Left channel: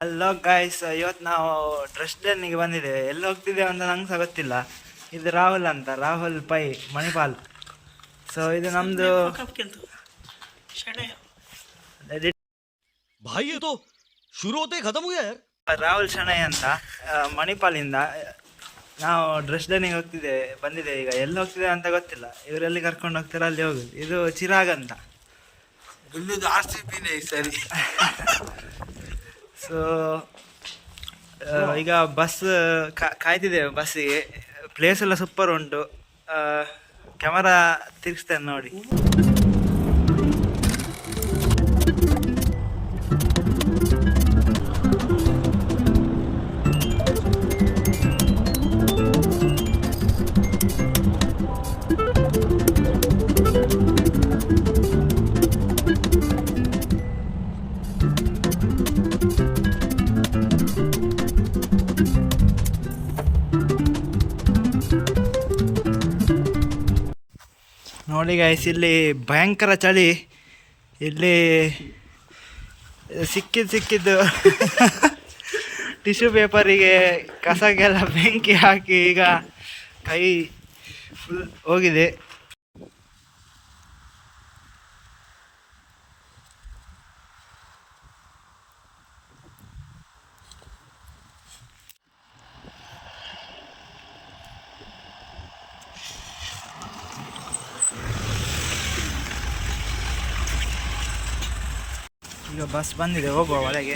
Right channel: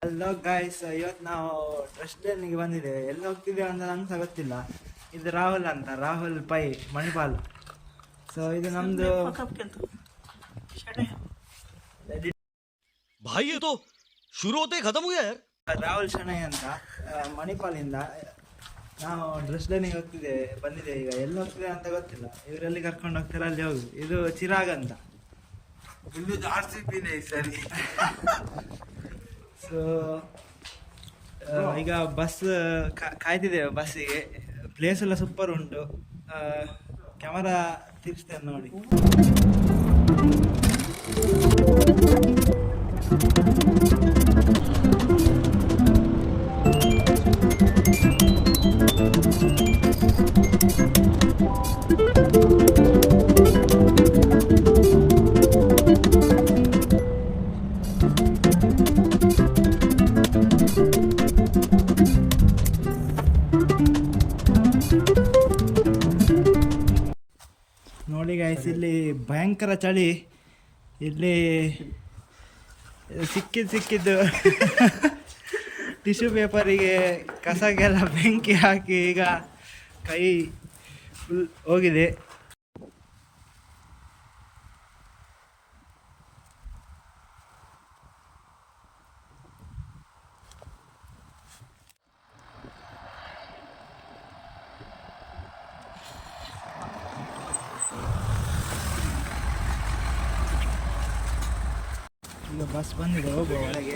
Hello guys ಇವತ್ತು ನಾವು dress ಡೇನಿಗೆ ಬಂದಿದ್ದೇವೆ ಎಲ್ಲಿ ಹೋಗ್ತಿದ್ದೇವೆ ಅಂತ ನಂಗೆ ಸಹ ಗೊತ್ತಿಲ್ಲ ಇದು ರಾಹುಲ್ ಅಂತ ರಾಹುಲ್ ಪೈ ಮಣಿಪಾಲ್ ಸೊ ಇದು ನಮ್ಮದು भाई ये तो शुरू होते ही खत्म हो गया यार ರಾಹುಲ್ ಶಣೈ ಅಂತ ಆ, ಮಣಿಪಾಲಿಂದ ನಾವು ಡ್ರೆಸ್ ಡೇನಿಗೆ ಹೋಗ್ತಿದ್ದೇವೆ ಬಂದಿದ್ದೇವೆ ಈಗ ಎಲ್ಲಿ ಹೋಗ್ತಿದ್ದೇವೆ ಅಂತ ಗೊತ್ತಿಲ್ಲ ಇವರೆಲ್ಲಿ ಕರ್ಕೊಂಡು ಹೋಗ್ತಾರೆ ಅಲ್ಲಿ ಹೋಗುದು ಇದು ಚಿರಾಗ್ ಅಂತ ಇಲ್ಲದ ಆರ್ ಸಿ ಪಿನೇ ಸರಿ ಸೊ ಈಗ ಬಸ್ ಕಾಯ್ತಿದ್ದೇವೆ ಬಸ್ಸಿಗೆ ಪ್ಲೇಸ್ ಎಲ್ಲ ಸೂಪರ್ ಉಂಟು. ಕ್ಯಾಮರಾ ತಿರ್ಗಿಸ್ತೇನೆ ನೋಡಿ. ಗೈಸ್ ಇಲ್ಲಿ ಭಯಂಕರ ಚಳಿ. ಇಲ್ಲಿ ಸಿಕ್ಕಿದ್ದು ಸಿಕ್ಕಿದ್ದು ಟಿಶ್ಯೂ ಪೇಪರಿಗೆ ಕಸಗೆಲ್ಲ ಬೆಂಕಿ ಹಾಕಿ ಈಗ ಕೈ ಫುಲ್ ಹೋಗಿದೆ. ಈಗ ಬಸ್ ಬಂದಿದೆ ಹೋಗುವ ಒಳಗೆ.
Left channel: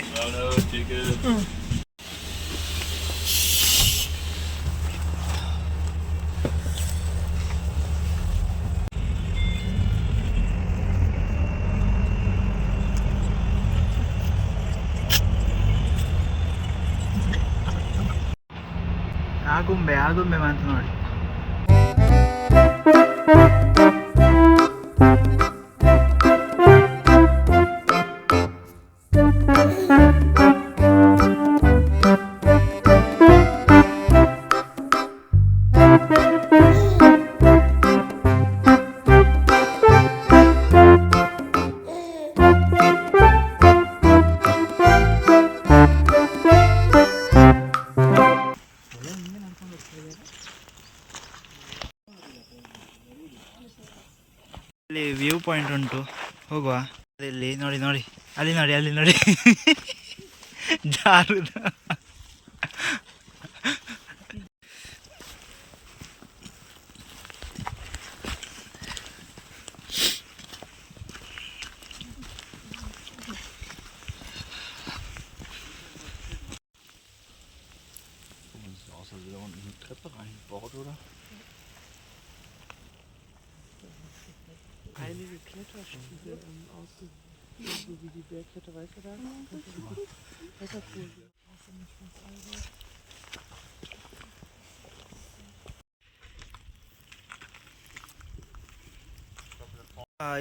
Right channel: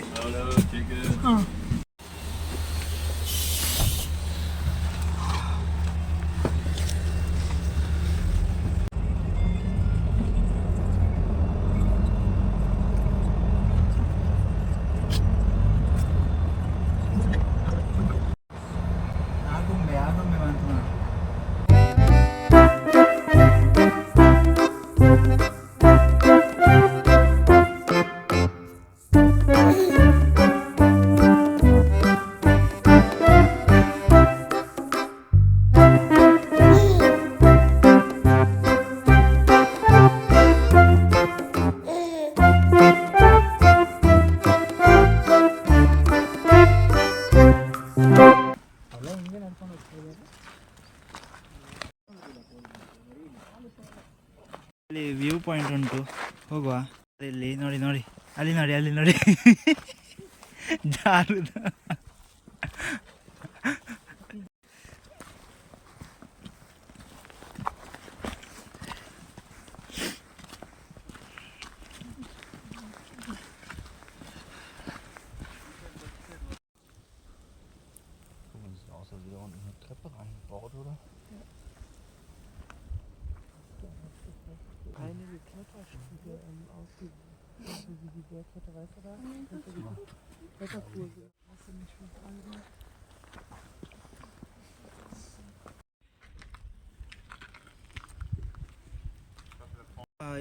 ಪಾಯಿಂಟ್ ಉಂಟು ಹೋಗುವ. ಇಲ್ಲಿ ನೋಡಿ ನೋಡಿ. ಅಲ್ಲಿ ನೋಡಿ ಅಲ್ಲಿ ನೋಡಿ. ಜಾರುದು.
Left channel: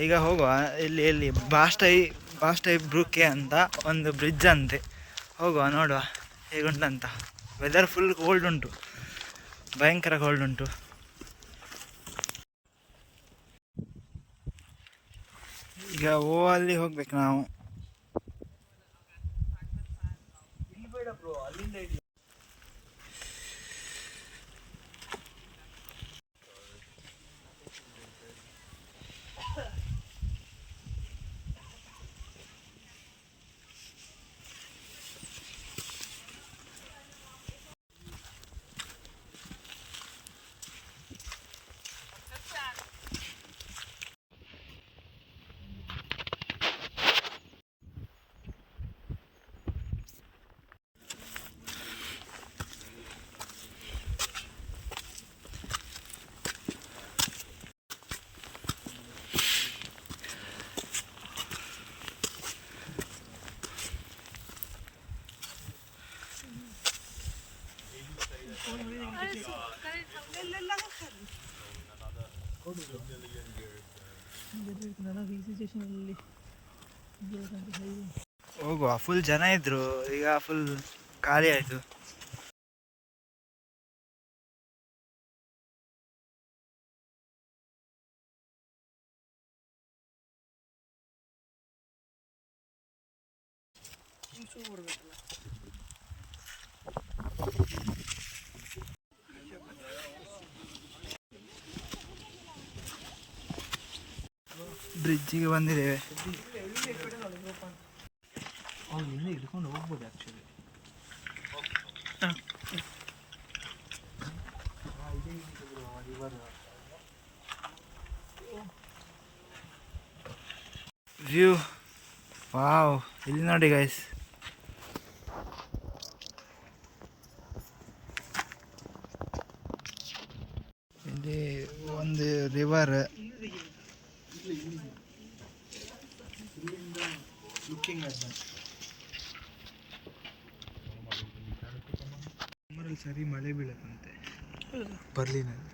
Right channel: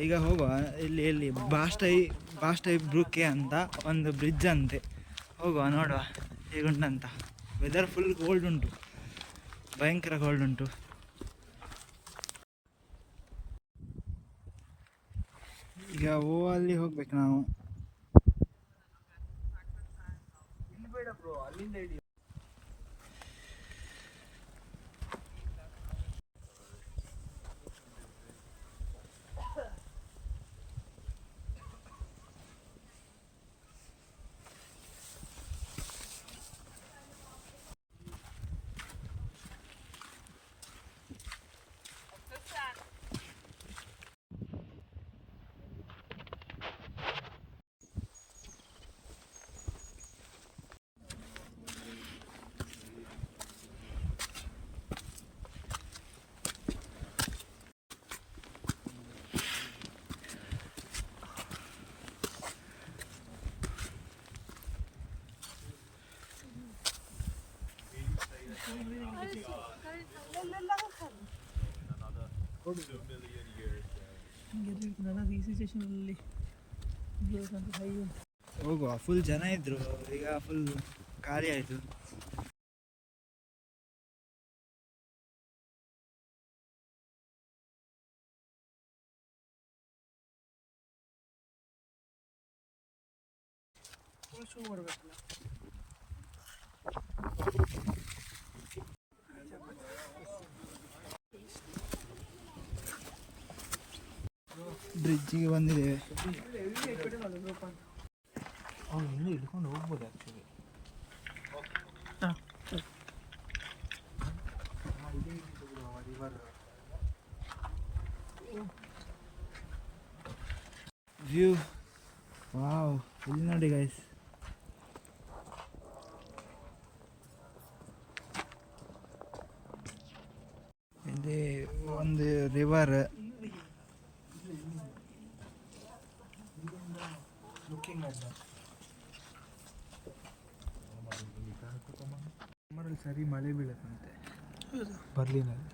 ಈಗ ಹೋಗುವ. ಇಲ್ಲಿ ಇಲ್ಲಿ ಬಾಸ್ಟೈ ಬಾಸ್ಟೈ ಬ್ರೂಕೆ ಅಂತ ಒಂದು ಬ್ರಿಡ್ಜ್ ಅಂತೆ. ಹೋಗುವ, ನೋಡುವ. ಹೇಗುಂಟಂತ. ವೆದರ್ ಫುಲ್ ಕೋಲ್ಡ್ ಉಂಟು. ಭಯಂಕರ ಕೋಲ್ಡ್ ಉಂಟು. ಈಗ ಓ ಅಲ್ಲಿ ಹೋಗ್ಬೇಕು ನಾವು. ಹೋಗುವ. ಫುಲ್ ಜನ ಇದ್ರು. ಈಗ ಫುಲ್ ಖಾಲಿ ಆಯ್ತು. ಬ್ರಿಡ್ಜಿಗೆ ಬಂದಿದ್ದೇವೆ. ಹಿಡ್ಕೊಂಡು ಹೋಗ್ಬೋದು ಆ್ಯಕ್ಚುಲಿ ವ್ಯೂ ವಾವ್ ಇಲ್ಲಿ ನೋಡಿ ಗೈಸ್ ಇಲ್ಲಿ ಒಂದು ರಿವರ್ ಸಮ್ಮರಲ್ಲಿ ಸರಿ ಮಳೆ ಬೀಳುತ್ತಂತೆ. ಬರ್ಲಿನಲ್ಲಿ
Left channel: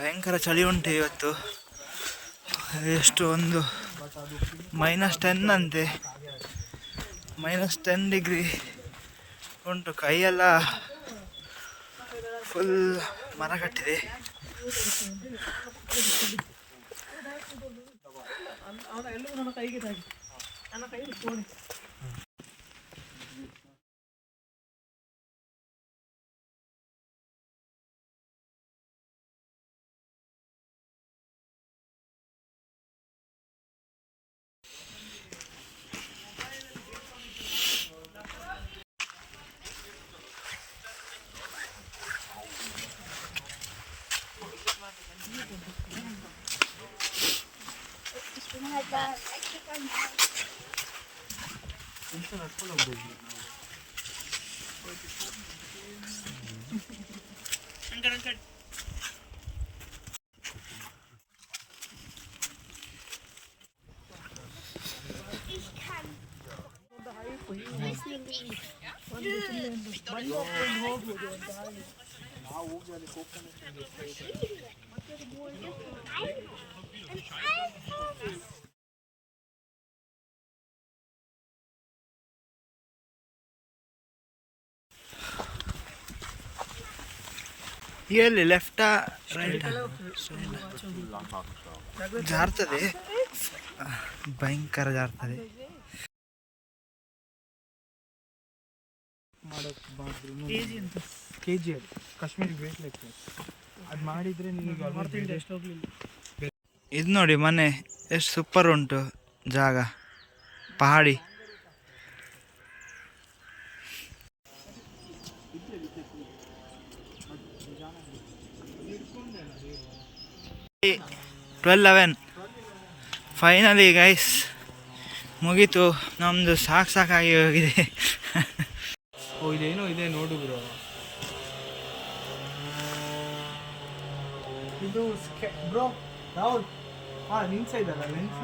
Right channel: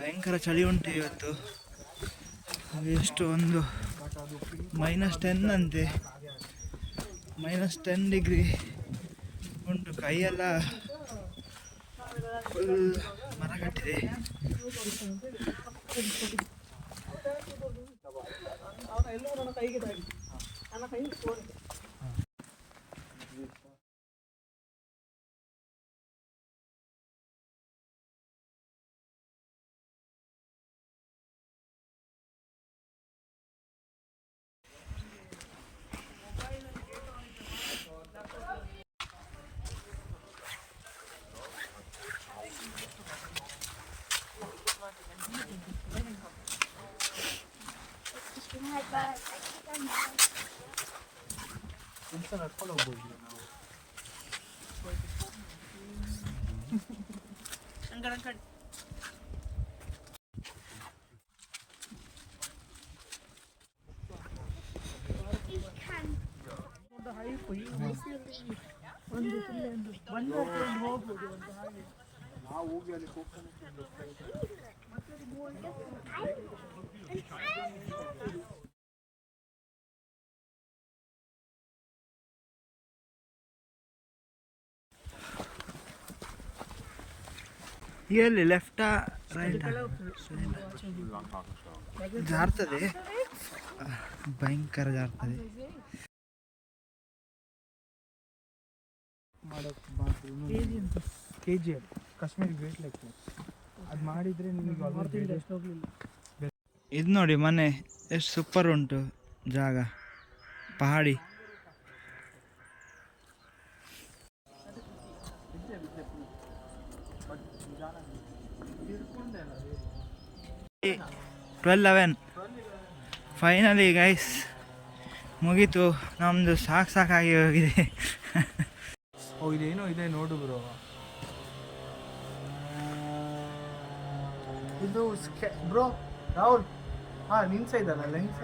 ಭಯಂಕರ ಚಳಿ ಉಂಟು ಇವತ್ತು. ಎಷ್ಟು ಒಂದು ಮೈನಸ್ ಟೆನ್ ಅಂತೆ. ಮೈನಸ್ ಟೆನ್ ಡಿಗ್ರಿ ಉಂಟು. ಕೈಯೆಲ್ಲ ಫುಲ್ ಮರ ಕಟ್ಟಿದೆ. Ich kann. ಎಲ್ಲಿ ಲೆಫ್ಟಾ ರೈಟ್ ಜಾರ್ತದೆ. ಭಯಂಕರ ಜಾರ್ತದೆ. ಕೆ ಜಿ ಅದು ಕಾಶ್ಮೀರಿ ವೇಟ್ ಲೆಕ್ಕ ಅದು ಮಾಡಿದರೆ ನಿಮಗೆ ಆಲ್ಮೋಸ್ಟ್ ಎಷ್ಟು ಹೋಗಲಿಲ್ಲ. ಇದು ನೋಡಿ ಮನೆ ಎಷ್ಟು ಸೂಪರ್ ಉಂಟು ಜಾಗ. ಪಹಾಡಿ. ಟ್ವೆಲ್ ಲೆವೆನ್ ಫೈನಲಿ ಗೈಸ್ ಮುಗೀತು. ನಮ್ಮದು ಸಾಕು ಸಾಕಾಗಿ ಹೋಗಿದೆ. ಓ ಇದೇನು ಇದೆ ನೋಡು ಬ್ರೋ ಇದು ಬ್ರೋ ರಾಹುಲ್. ಹಾಂ ನಿನ್ಸ ಇದಲ್ಲ ಲೆನ್ಸ್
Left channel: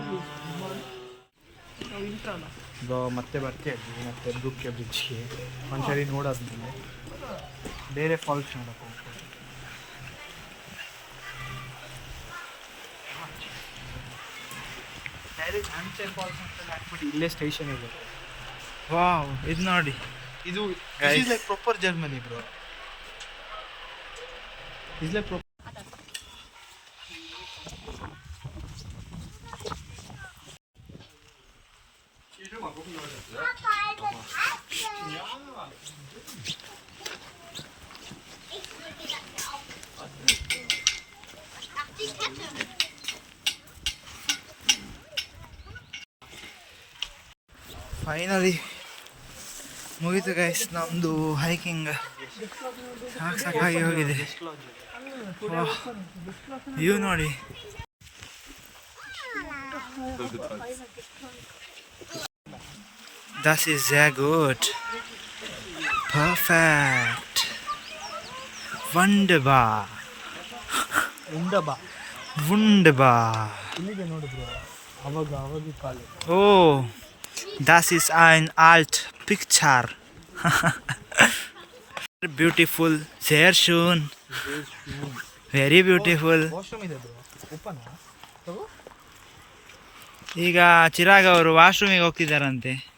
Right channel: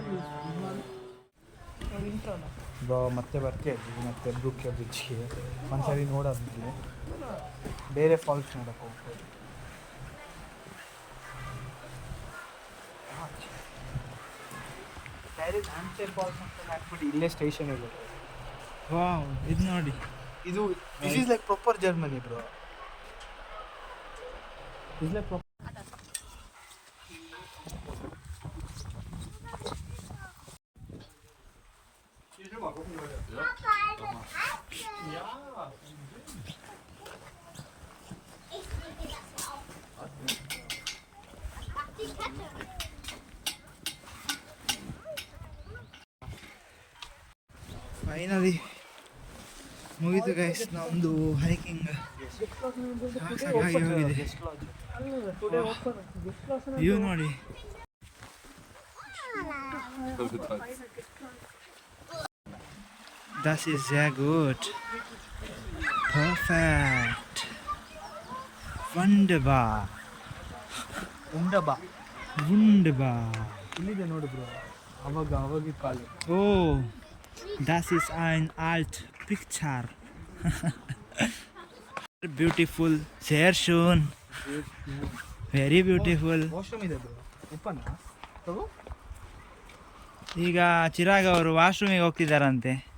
ಬ್ರೋ ಮತ್ತೆ ಬರ್ತೇವೆ ಮತ್ತೆ ಬುಕ್ಕೆ ಬ್ರಿಡ್ಜ್ಗೆ ಒಂದ್ಸರಿ ನೋಡಾದ್ಮೇಲೆ ಬೇರೆ ಫಾಲ್ಸ್ ನೋಡಕ್ಕೆ ಇಲ್ಲೇ ಸ್ಟೇಷನ್ ಇದೆ ವಾವ್ ಇದು ನೋಡಿ. ಇದು Guys. Like proper Germany bro is like finally ಮುಗೀತು ಗೈಸ್ ನಮ್ಮದು ಹೈಕಿಂಗ್ ಸಾಕು ಸಾಕಾಗಿ ಹೋಗಿದೆ. ವ್ಯೂ ನೋಡಿ. This is a good perfect ವಂಡಬಾ ಉಂಡಬಾ ವುಂಡಬಾ ಇಲ್ಲಿದೆ das ist ein alt Picture. beautiful, sehr schön, very beautiful. Washroom ಇದೆ ಓಪನ್ ಈಗ ಚಿರಾಗ್ ಅವರು ವಾಶ್ರೂಮಿಗೆ ಹೋಗ್ತಿದ್ದಾರಂತೆ.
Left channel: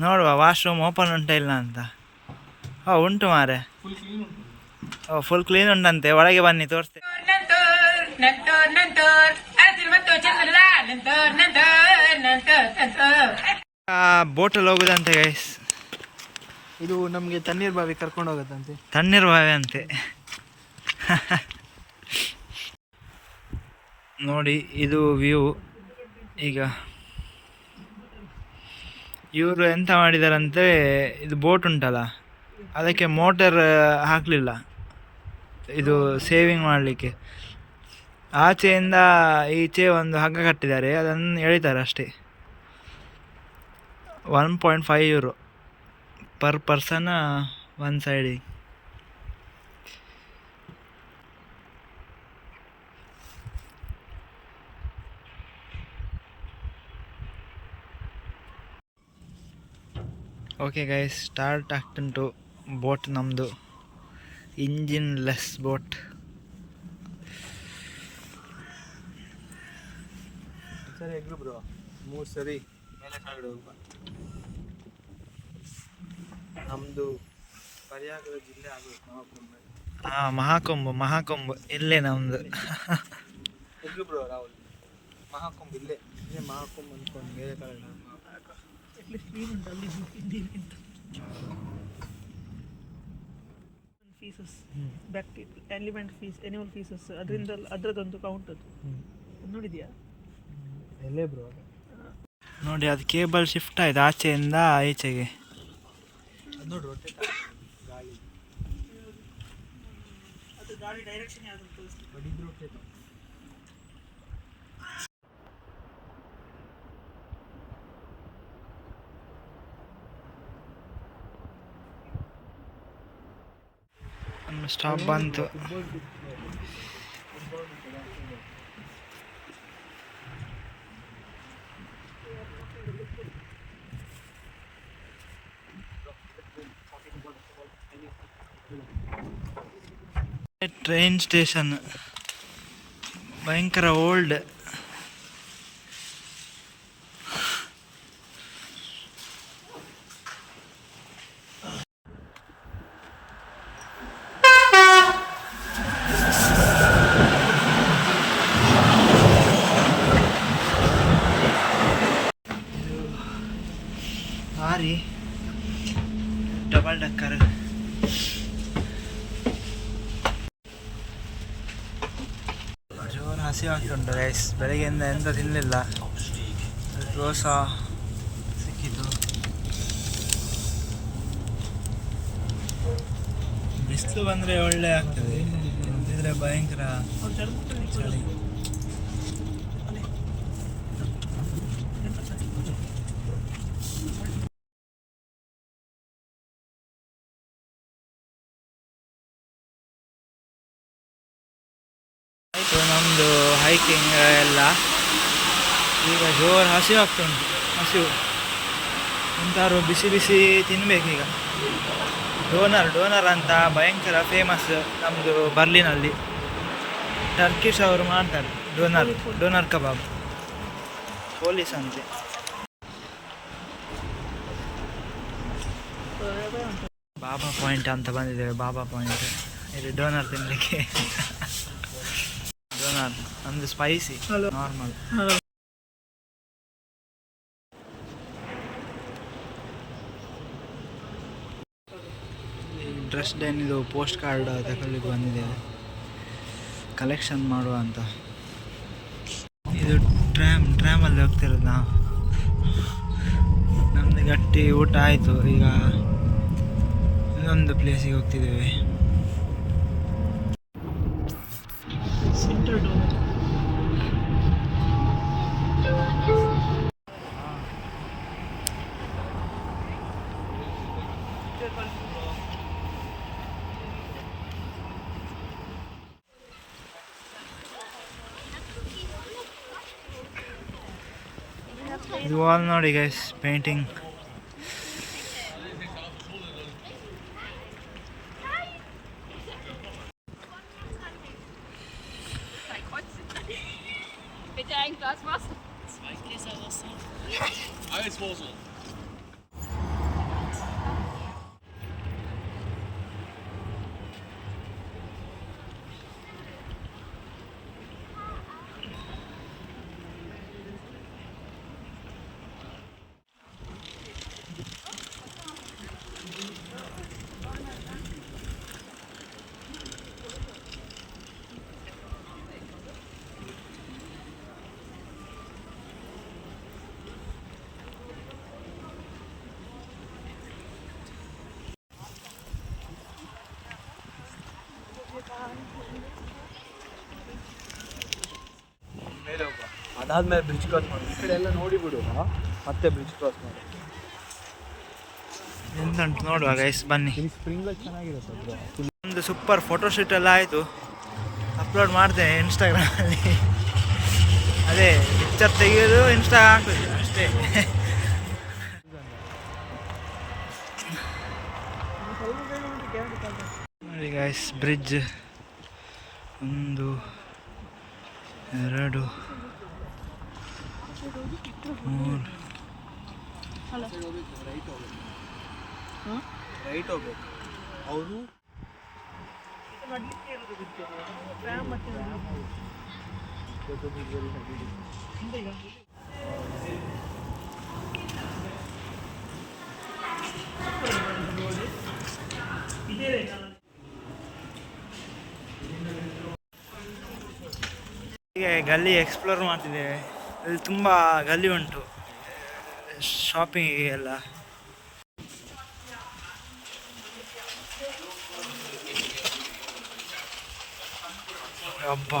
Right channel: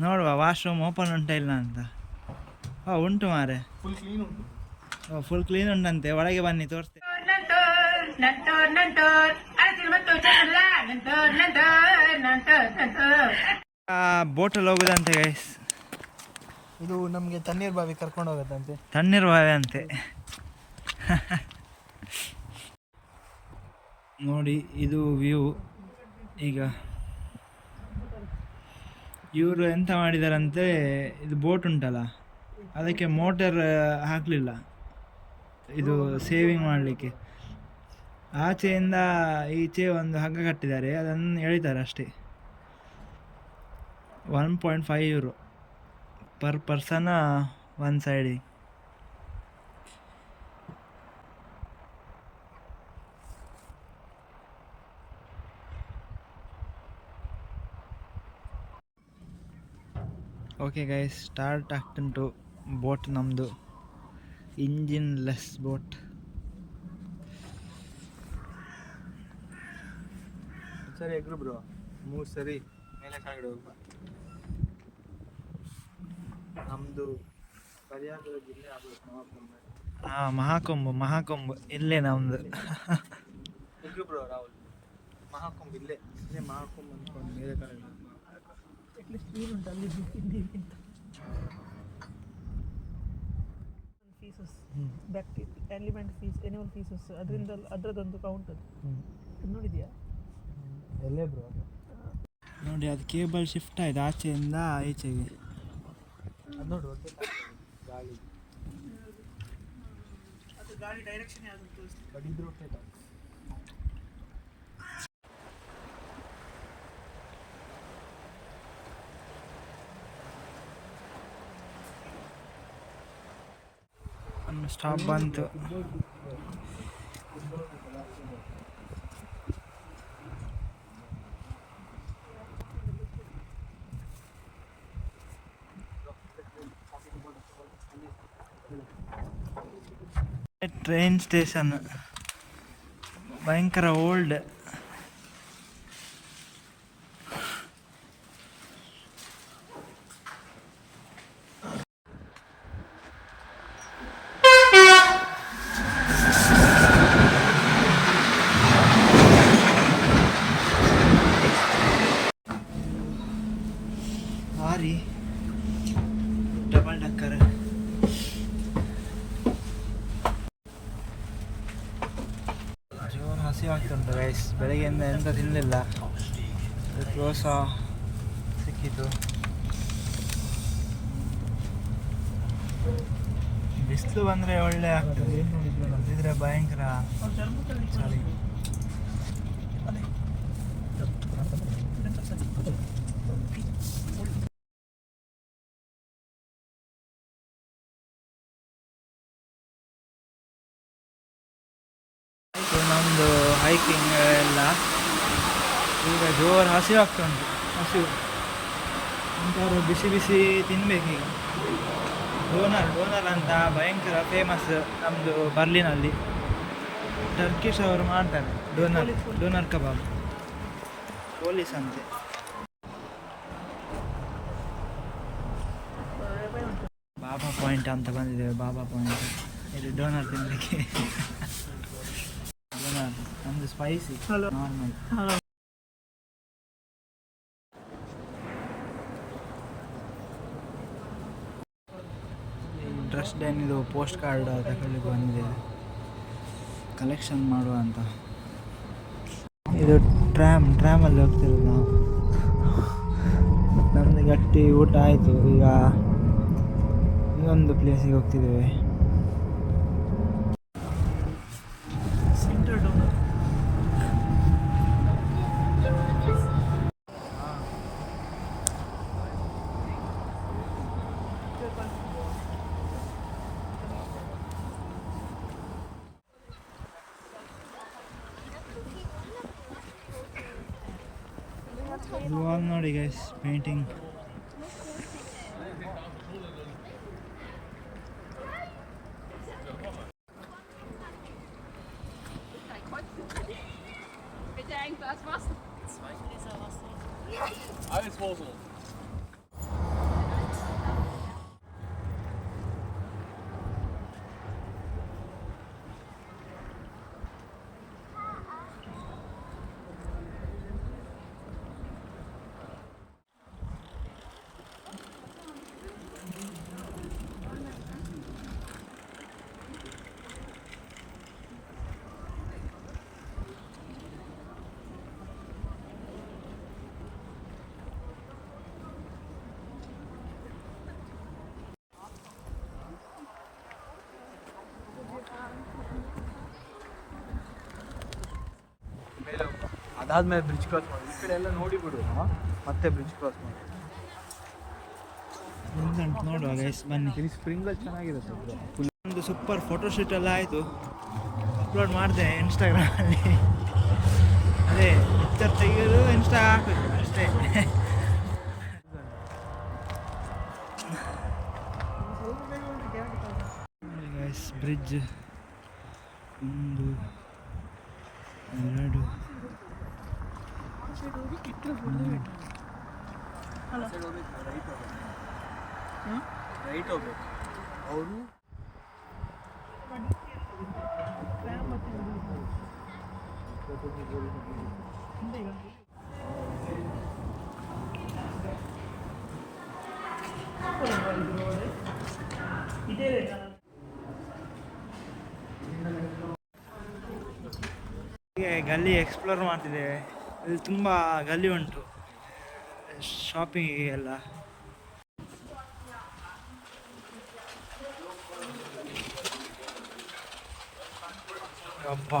ನೋಡುವ ವಾಶ್ರೂಮ್ ಓಪನ್ ಉಂಟಾ ಇಲ್ಲ ಅಂತ. ಓ ಉಂಟು ಮಾರೆ ಫುಲ್ ಕ್ಲೀನ್ ಉಂಟು. ಓ ಫುಲ್ ಕ್ಲೀನ್ ಉಂಟಂತೆ. ಒಳಗೆ ಬನ್ನಿ ತೋರಿಸ್ತೇನೆ. Nantor, nantor, nantor, asil mantor chandra, nantor, nantor, nantor, nantor. ಬೋಟಲ್ಲಿ ಹೋಗುದಂತೆ ಗೈಸ್ ಇದು ನಮಗೆ ತಣ್ಣೀರ್ ಬಾವಿ ಕರ್ಕೊಂಡು ಹೋಗುತ್ತಂತೆ. ತಣ್ಣೀರು ಬಾವಿ ಅಂತೆ. ನೋಡಿ ಇದು ವ್ಯೂ ಈಗ ಇವರು ಎಂತ ಮಾಡಿದಾರಂತೆ ಇದು ಬೋಟ್ ಉಂಟಲ್ಲ? ಅದಕ್ಕೆ ಮೋಟರ್ ಹಾಕಲಿಲ್ಲ. ಇದು ಸೇವಿಂಗ್ ಮಾಡಲಿಕ್ಕೆ. ಆಚೆಯಿಂದ ಈಚೆ ಒಂದು ಹಗ್ಗ ಕಟ್ಟಿದ್ದಾರೆ, ಅದನ್ನು ಎಳಿತಾರೆ ಅಷ್ಟೇ. One point five euro per person one ಸೈಡಿ ಓಕೆ ಗೈಸ್ ಸ್ಟಾರ್ಟ್ ಆಗ್ತುಂಟು ಬೋಟ್ ನಮ್ಮದು ಇಂಜಿನ್ ಲೆಸ್ ಬೋಟ್ ಸರಿ ಎಗ್ರು ಬ್ರೋ ಮೂರು ಸರಿ. ಮೇಲೆ ಕೆಳಗಡೆ ಹೋಗುವ. ನಮ್ಮದು ಪರ್ಯಾಗದ ಜಿಲ್ಲೆ ಆಗಬೇಕು ಮಹಾಕುಂಭ ಹಾಂ ಮಹಾಕುಂಭ ಮಹಾಕುಂಭ. ಇಲ್ಲೇ ನಮ್ಮದು ಎಗ್ರು ಬ್ರೋ ರಾಹುಲ್. ಮಹಾಕುಂಭ ಇಲ್ಲೇ. ಇಲ್ಲೇ ಮಹಾಕುಂಭ ಅಂತ ಮೇಲೆ ಕೆಳಗಡೆ faeces bacteria element faeces animal faeces ಅದರಿಂದ ಅದರದೊಂದು ಕೌಂಟ್ ಅದು. ನೋಡಿದ್ಯಾ? ಎಲ್ಲೇ ಬ್ರೋ ನೋಡಿ ಅದು ಕೇಬಲ್ ಶಿಫ್ಟ್ ಆಯ್ತು ಆಚೆಯಿಂದ ಈಚೆಗೆ. ನೋಡಿ ಗಾಳಿ. ಅದು ಗಾಳಿ ಡೈರೆಕ್ಷನ್ ಯಾವ್ದು ತೋರಿಸ್ಲಿಕ್ಕೆ ಸ್ಟಾಪ್ ಬಂತು. ಟ್ರೈನ್ ಸ್ಟೇಷನ್ ಭಯಂಕರ ಓಲ್ಡ್ ಆರಿ ಡಬಲ್ ಡಕ್ಕರ್ ಜೋರು ಹಸಿ ಆಗ್ತುಂಟು ರೈಸ್ ಬೆಳಗ್ಗೆಯಿಂದ ಎಂತ ತಿನ್ನಲಿಲ್ಲ ದೋಸೆ ಸಿಕ್ಕಿತು ಬಿಸಿಲು ಬಂದರೆ ಒಳ್ಳೆ ಆಗ್ತದೆ ಇದ್ರೆ ಭಯಂಕರ ಚಳಿ ಆಯಿತು ನಮ್ಮದು ಹೈಕಿಂಗ್ ಎಲ್ಲ. ಈಗ ಜೋರು ಹಸಿವು ಉಂಟು ಹಸಿವು. ಎಂತಾದ್ರು ಬಿಸಿ ಬಿಸಿ ತಿನ್ನಬೇಕೀಗ ಡೋನರ್ ಡೋನರ್ ಅಂತ ಭಯಂಕರ ಫೇಮಸ್ ನಮ್ಮದು ಬರ್ಲಿನಲ್ಲಿ. ಟರ್ಕಿಶ್ ಅವರು ಮಾಡ್ತಾರೆ, ಡೋನರ್ ಡೋನರ್ ಕಬಾಬ್. ಪೊಲೀಸ್ ಅಂತೆ. ಬಾಬಾ ಪಾಯಿಂಟ್ ಅಂತ ಬಂದಿದ್ದೇವೆ ಬಾಬಾ ಪಾಯಿಂಟ್. ಇದು ಡೋನರ್ ತಿನ್ನಲಿಕ್ಕೆ ನಮ್ಮದು ಸ್ಪೈಸಿ ನಾರ್ಮಲ್ ಡ್ರೆಸ್ ಡೇನಿದು ಪೋಸ್ಟ್ ಕಾರ್ಡ್ ತಗೊಳ್ಳಿಕ್ಕೆ ಬಂದಿದೆ. ಕಲೆಕ್ಷನ್ ಮಾಡುವ ಅಂತ. ಇದು ಟ್ರ್ಯಾಮ್ ಟ್ರ್ಯಾಮಲ್ಲಿ ಹೋಗ್ತಿರೋದು ನಾವು. ನಮ್ಮದು ಗಟ್ಟಿ ಊಟ ಆಯಿತು. ಈಗ ಇನ್ನೊಂದು ಪ್ಲೇಸಿಗೆ ಹೋಗ್ತಿದ್ದೇವೆ. ಇದು ವಾಲ್ ನೋಡಿ ಗೈಸ್ ಪೇಂಟಿಂಗ್ ಅದಾದ್ಮೇಲೆ ಬ್ರಿಡ್ಜ್ ಕ್ರಾಸ್ ಮಾಡಿ. ಈ ಕಡೆ ಎಲ್ಲ ನೋಡಿ ಬಿಡೋಣ ಮತ್ತೆ ಬ್ರಿಡ್ಜ್ ಕ್ರಾಸ್ ಮಾಡಿ. ಎಂತ ಉಂಟು ನೋಡುವ ಗೈಸ್ ಬನ್ನಿ. ಇಲ್ಲಿ ಸ್ಪ್ರಿಂಗ್ಲೆಟ್ ಚೆನ್ನಾಗಿದೆ ಸರ್ ಒಂದು ಸೂಪರ್ ಫೋಟೋಶೂಟ್ ಎಲ್ಲ ಆಯಿತು. ಅಪ್ಲೋಡ್ ಮಾಡಿದೆ ಇನ್ಸ್ಟಾಗ್ರಾಮಲ್ಲಿ ಅದೇ ಪಿಕ್ಚರ್ ತೆಗೆಯೋದು ಇನ್ಸ್ಟಾ ಹಾಕಿದ್ರು ಅಷ್ಟೇ. ನೋಡಿ ಗೈಸ್ ಬ್ರಿಡ್ಜ್. ಒಂದು ಎರಡು ರೈಟ್ ಹೋಗ್ಬೇಕು ಅವರು ಗಲ್ಲಿ ಎಕ್ಸ್ಪ್ಲೋರ್ ಮಾಡ್ತಿದ್ದೇವೆ ಇಲ್ಲಿ ತುಂಬ ಗಲ್ಲಿ ಉಂಟು. ಶಾಪಿಂಗಿಗೆ ಎಲ್ಲ. ಅಬ್ಬ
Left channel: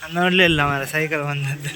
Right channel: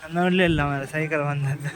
ನಾನು ನೋಡಲಿಲ್ಲ ಮರ ಸೈಕಲ್ ಬಂದದ್ದು.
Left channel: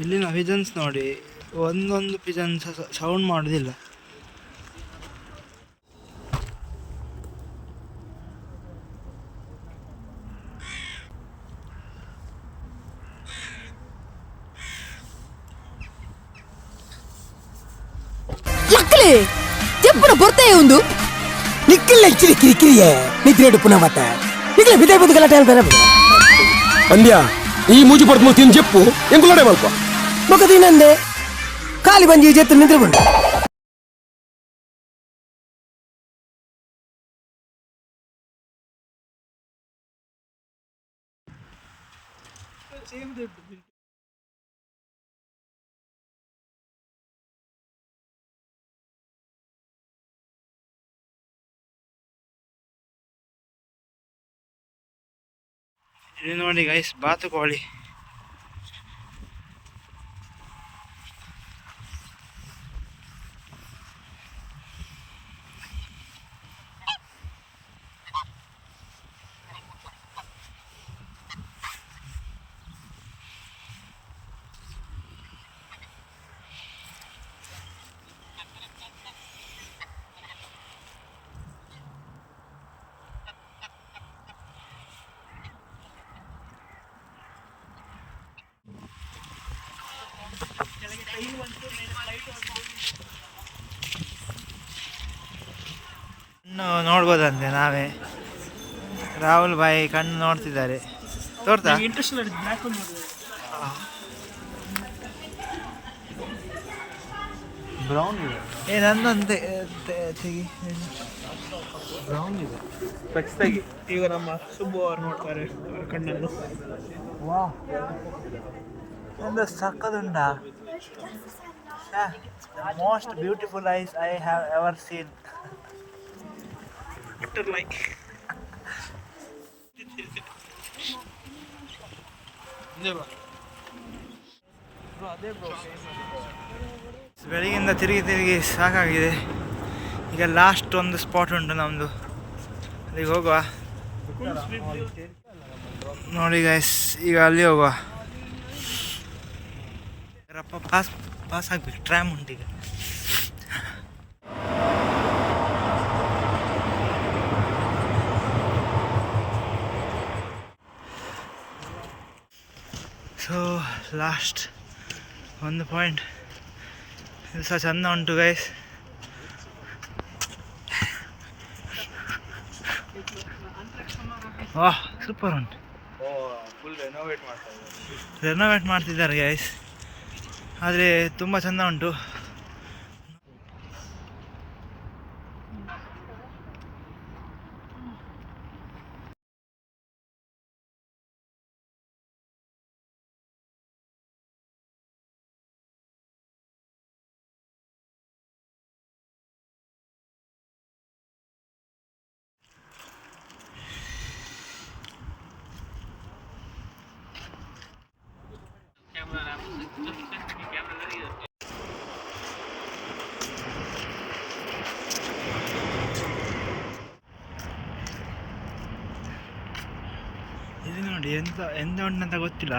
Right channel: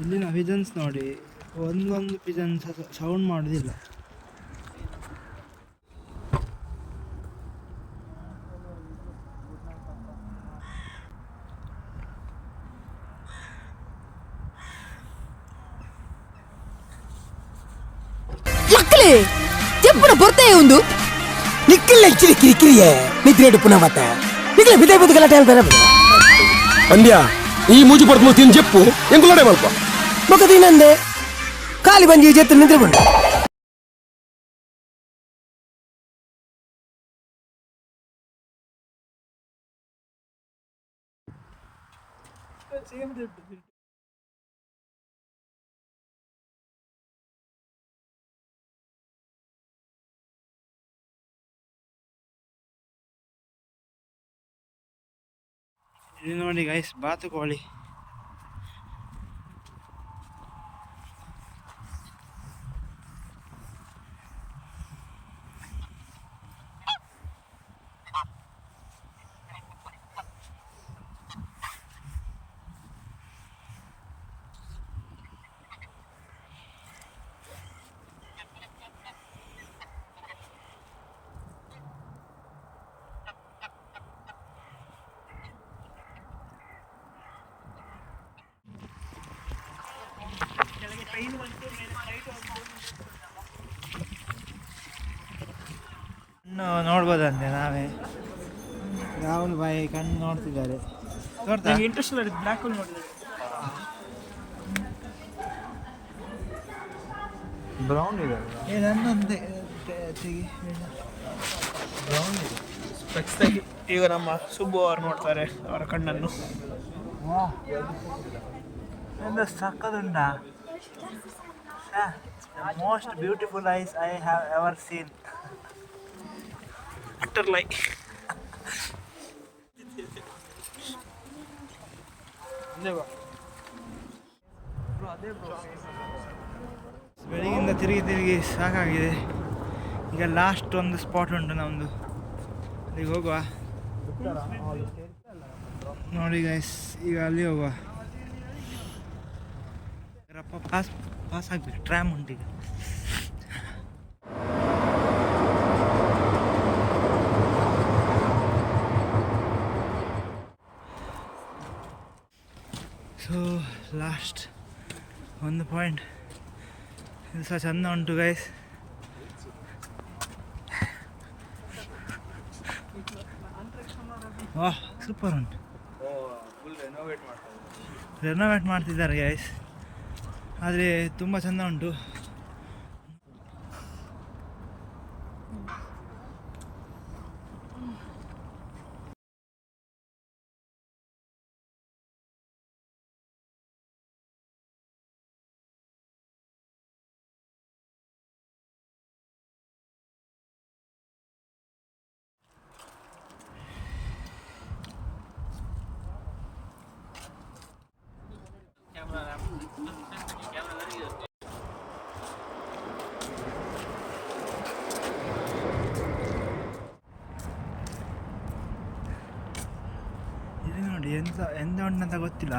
ಇಲ್ಲಿನ ಪಿಜನ್ಸ್ ನೋಡಿ ಒಂದೊಂದು ಪಿಜನ್ಸ್ ಸೌಂಡ್ ಮಾಡೋದಿಲ್ಲ. ಎಲ್ಲ ಕಿರಿ ಕಿರಿ ಕಿರಿಯೇ ನಿದ್ರೆ ಪುನಃ ಮತ್ತೆ ಈಗಲೇ ಬಿದ್ದೆ ಬಿದ್ದು ಗಲಾಟೆ ಅಂತಾರೆ ಅಂದ್ಯ ಈ ಮೂಜಿ ಪಡೆದು ಮೂರು ತಿಂದು ಜಪ್ಪು ಹೆಂಗುಲಾಡೆ ಮಲ್ಪ ಮಗದ ಇನ್ನೊಂದೆ ಖಾಲಿ ಬಂಜಿ ಜೆತ್ತು ನಿದ್ರೆ ಬಂಡು ಸೇಮ್ ಇಲ್ಲಿ ನೋಡಿ ಗೈಸ್ ಬಾತುಕೋಳಿ ಇನ್ನು ನೋಡ್ಬೋದಂತೆ ನಾವೇ. ರಾಹುಲ್ ಬಾಯಿ ಕಣ್ಣು ನೋಡ್ತಿದ್ದಾರೆ. ತೋರ್ತಾ? ಬ್ರೌನ್ ಇದೆ. ಏ ನನ್ನೊಂದು ಬ್ರೌನ್ ಇದೆ. ಸ್ಪೆಕ್ಸ್ ತೆಗಿ ಈಗ ನಮ್ಮ ಸುಬ್ಬು ಅವ್ರು ನೋಡ್ತಾರೆ ಅವರ ಕಣ್ಣನ್ನು. ವಾ ಒಂದು ಸಕ್ಕದುಂಡ the most beautiful eyes I have ever seen like. Like ಬೆಳಗಿಂದ ತಿರುಗಿ ತಿರುಗಿ ಸಾಕಾಗಿದೆ ಈಗ ಲಾಸ್ಟ್ ಒಂದು ಸ್ಪಾಟ್ ಉಂಟು ನಮ್ಮದು ಅಲ್ಲಿಗೆ ಹೋಗುವ ನೋಡಿ ಗೈಸ್ ಈಗ ಅಲ್ಲಿ ಹೋಗುವ ರಪ್ಪ ಪಾಸ್ ಪಾಸ್ ಆಗ್ಬೇಕು. ಟ್ರ್ಯಾಮ್ ಉಂಟು ಈಗ. ಸೊ ಲಾಸ್ಟ್ ಒಂದು ಪಾಯಿಂಟ್ ಇದು ಸಹ ಚಂದ ಉಂಟು ಗೈಸ್ ವಾಹ್ ಸೂಪರ್ ಉಂಟು. ರೆನೋವೇಟ್ ಮಾಡ್ತಿದ್ದಾರೆ ಗೈಸ್ ಆದರೆ ತುಂಬ ಚೆಂದ ಉಂಟು ಇದು ನೋಡಿ ಎಂತ ಎಂತ ಉಂಟಂತ ಗೊತ್ತಿಲ್ಲ.